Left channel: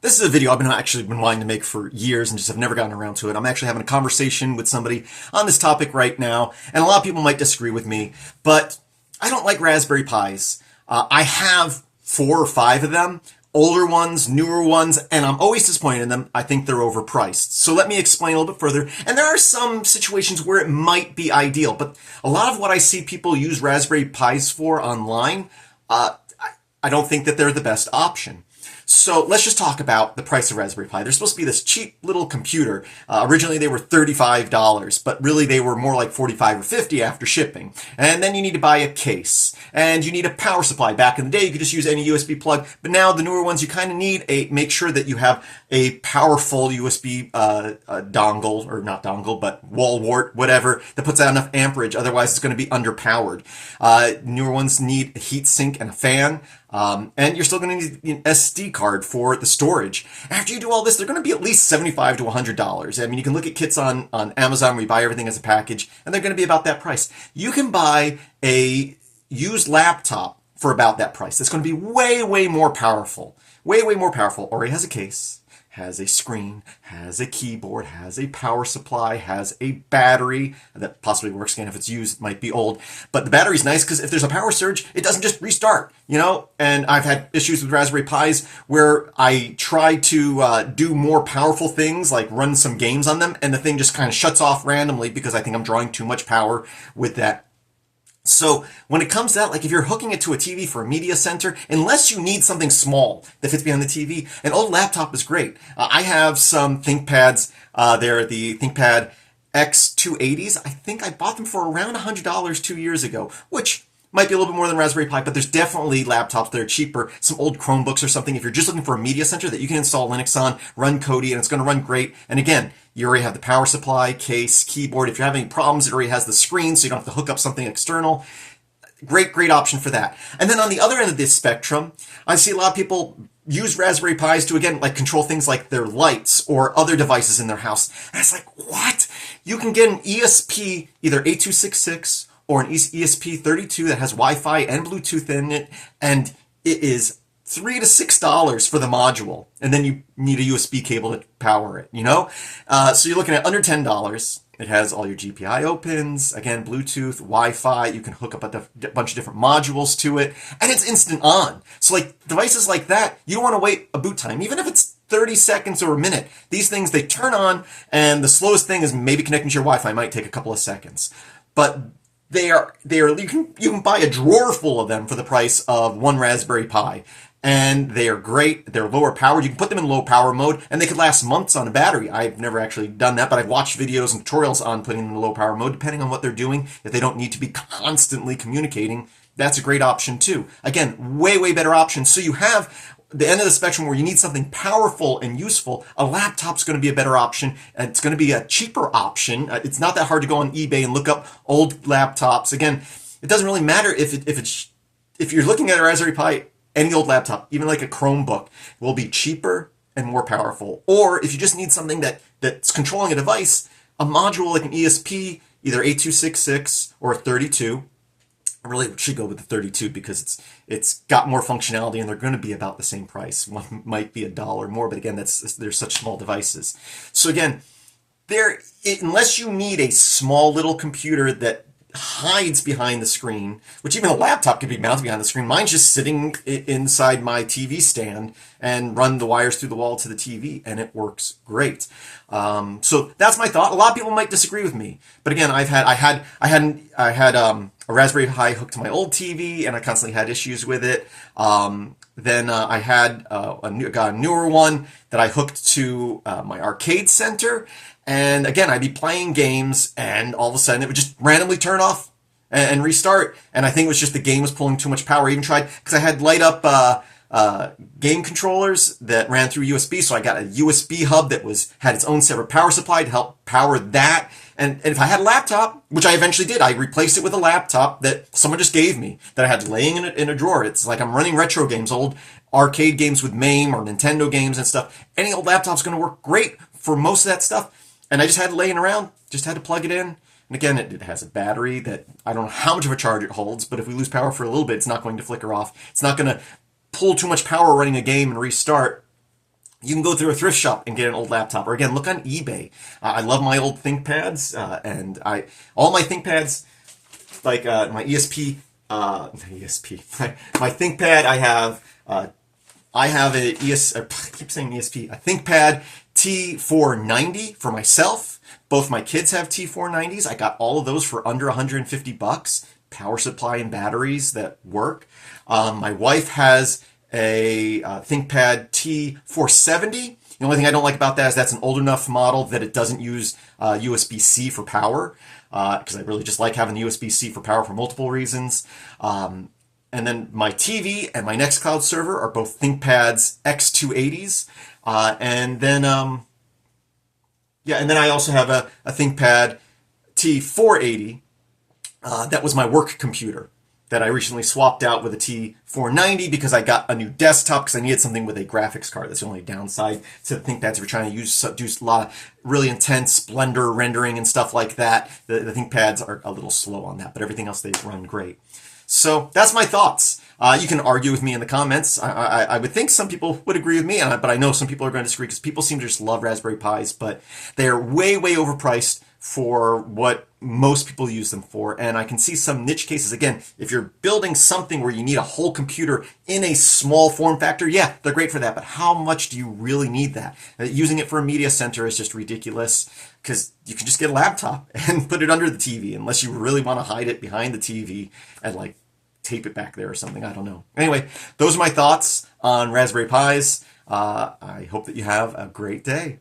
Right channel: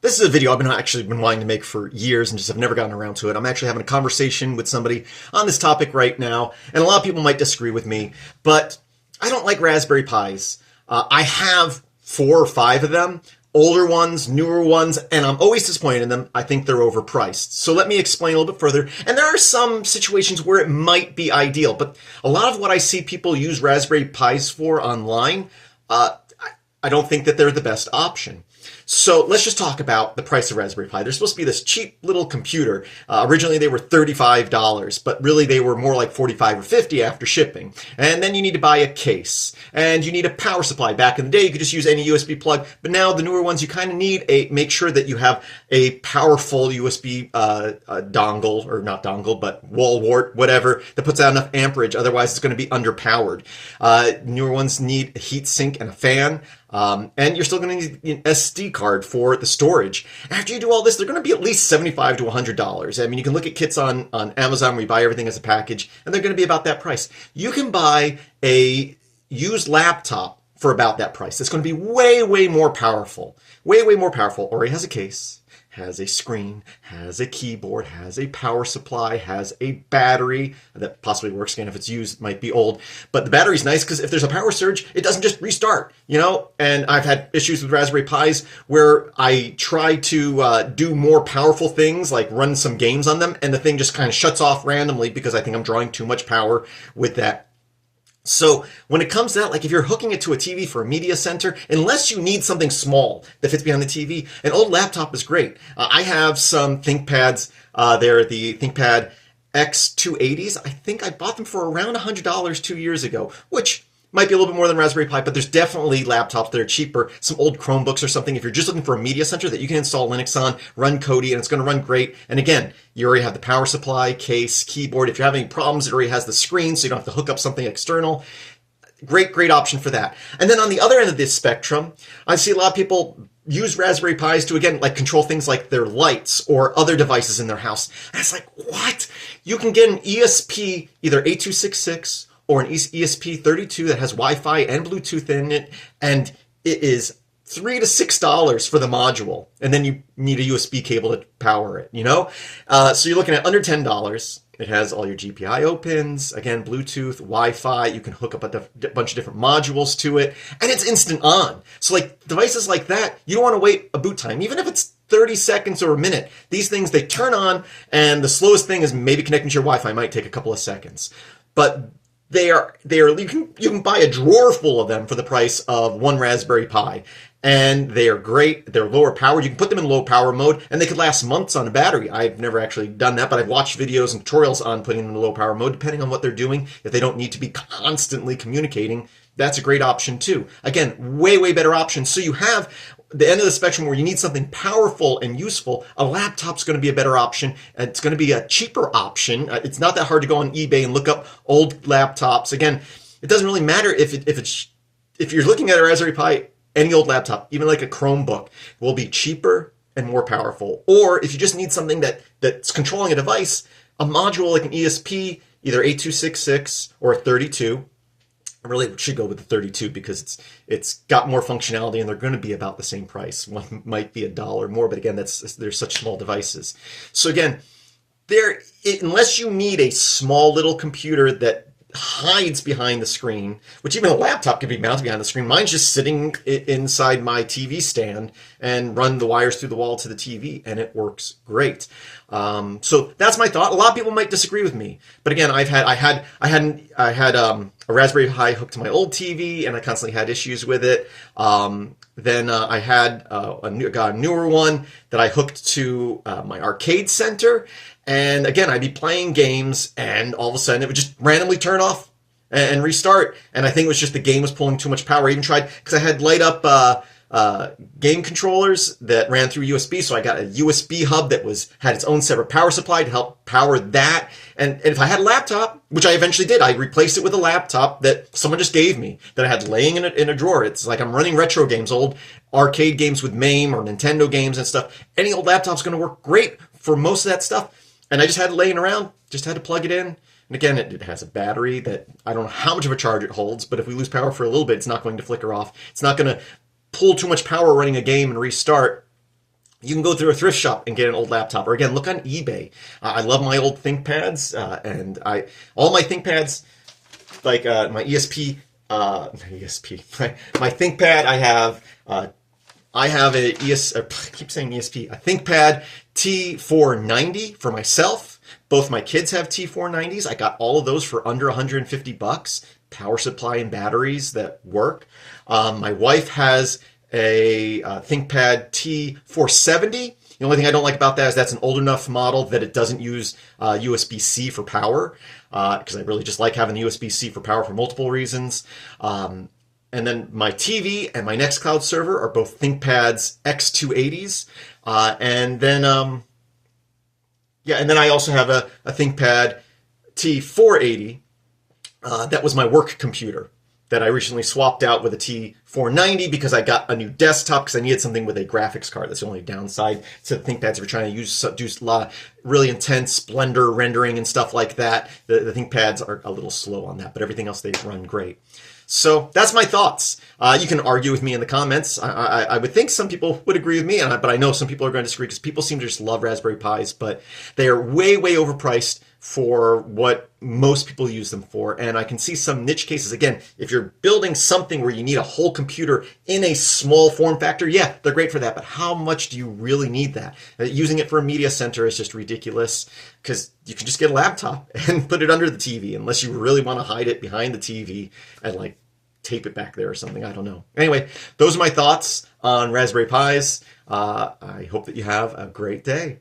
This is a video I've actually been wanting to make for years and just have never gotten around to it. I'm actually having a conversation with somebody on this topic right now, and a lot of people might disagree with me, but I don't like Raspberry Pis. I have 4 or 5 of them, older ones, newer ones, and I'm always disappointed in them. I think they're overpriced. So let me explain a little bit further. And there are some situations where it might be ideal, but a lot of what I see people use Raspberry Pis for online, I don't think that they're the best option. So let's just talk about the price of Raspberry Pi. They're supposed to be this cheap little computer. Originally they were $35, but really they were more like $45 or $50 after shipping. And then you need to buy a case, and you need a power supply. Back in the day, you could just use any USB plug, but now the newer ones, you kind of need make sure that you have a powerful USB dongle, or not dongle, but wall wart, whatever, that puts out enough amperage. Otherwise, it's going to be underpowered. Newer ones need a heat sink and a fan. And you're still going to need an SD card for the storage. After you do all this, they're going to be at least $75 to $100. I mean, you can look at kits on Amazon where you buy everything as a package, and they're going to be about that price. You can buy a used laptop for about that price. It's going to be way, way more powerful. Way, way more powerful. Already has a case, has a screen, has a keyboard, has a power supply, has a battery that possibly works again if it's used, it might be old. But the battery's nice because if there's a power surge, it doesn't just restart, you know? And I've had issues with Raspberry Pis where I try to do more powerful things, like run some games on them, and the thing just kind of shuts off randomly because I think I'm drawing too much power with that. So when it comes to that, like if you're hooking it to a TV for a media center, unless you need something small that fits behind the TV, an old laptop is great. I have some ThinkPads. They're the ThinkPad X280s. I think I bought them for around $100 2 years ago, which might be a little bit more than Raspberry Pi, but there's definitely laptops that are cheaper, some old Chromebooks or something. If you're just looking for a media center that you can install Linux on, run Kodi, and it's going to run great. And again, you already have the power supply, case, keyboard. If you're having any problems, it already has the screen, so you don't have to hook up something external. Great, great option for that. And then on the other end of this spectrum, I see a lot of people use Raspberry Pis to, again, like control things like their lights or other devices in their house. And it's like, what? You can get an ESP, either 8266 or an ESP32 that has Wi-Fi and Bluetooth in it, and it is $3 to $6 for the module, and then you need a USB cable to power it, you know? So you're looking at under $10. It has all your GPIO pins, again, Bluetooth, Wi-Fi. You can hook up a bunch of different modules to it, and it's instant on. So like devices like that, you don't want to wait a boot time, even if it's 30 seconds or a minute. These things, they turn on, and the slowest thing is maybe connecting to your Wi-Fi. It might take a couple of seconds, but you can buy a drawer full of them for the price of one Raspberry Pi. And they are great. They're lower powered. You can put them in low power mode, and they could last months on a battery. I've never actually done that, but I've watched videos and tutorials on putting them in low power mode, depending on what they're doing. If they don't need to be constantly communicating, that's a great option too. Again, way, way better option. So you have the end of the spectrum where you need something powerful and useful. A laptop's going to be a better option. It's going to be a cheaper option. It's not that hard to go on eBay and look up old laptops. Again, it doesn't really matter if you're looking at a Raspberry Pi. Any old laptop, even like a Chromebook, will be cheaper and more powerful. Or if you just need something that's controlling a device, a module like an ESP, either 8266 or a 32. I really should go with the 32 because it's got more functionality and they're going to be about the same price. One might be $1 more, but again, they're such small devices. So again, unless you need a small little computer that hides behind the screen, which even a laptop can be mounted behind the screen. Mine's just sitting inside my TV stand and run the wires through the wall to the TV, and it works great. So that's my thought. A lot of people might disagree with me, but again, I had a Raspberry Pi hooked to my old TV, and I constantly had issues with it. Then I had got a newer one that I hooked to my arcade center. And again, I'd be playing games, and all of a sudden it would just randomly turn off and restart. And I think it was just the game was pulling too much power. I even tried, because I had light up game controllers that ran through USB. So I got a USB hub that had its own separate power supply to help power that. And if I had a laptop, which I eventually did, I replaced it with a laptop that someone just gave me that I had laying in a drawer. It's like I'm running retro games, old arcade games with MAME or Nintendo games and stuff. Any old laptop's going to work great for most of that stuff. And I just had it laying around, just had to plug it in. And again, it has a battery that I don't know how much of a charge it holds, but if we lose power for a little bit, it's not going to flicker off. It's not going to pull too much power running a game and restart. You can go through a thrift shop and get an old laptop, or again, look on eBay. I love my old ThinkPads, and all my ThinkPads, like my ESP, ESP, my ThinkPad. I have I keep saying ESP, a ThinkPad T490 for myself. Both my kids have T490s. I got all of those for under $150. Power supply and batteries that work. My wife has a ThinkPad T470. The only thing I don't like about that is that's an old enough model that it doesn't use USB-C for power, because I really just like having the USB-C for power for multiple reasons. And then my TV and my Nextcloud server are both ThinkPads X280s. And then I also have a ThinkPad T480. That was my work computer that I recently swapped out with a T490 because I got a new desktop because I needed something with a graphics card. That's the only downside to the ThinkPads if you're trying to do a lot of really intense Blender rendering and stuff like that. The ThinkPads are a little slow on that, but everything else, they run great. So that's my thoughts. You can argue with me in the comments. I would think some people would agree with me, but I know some people are going to disagree because people seem to just love Raspberry Pis, but they are way, way overpriced for what most people use them for. And I can see some niche cases. Again, if you're building something where you need a whole computer in a small form factor, yeah, they're great for that. But how much do you really need that? Using it for a media center is just ridiculous because you can just get a laptop and put it under the TV unless you really want to hide it behind the TV and like tape it back there or something. I don't know. Anyway, those are my thoughts on Raspberry Pis. I hope that you have a great day.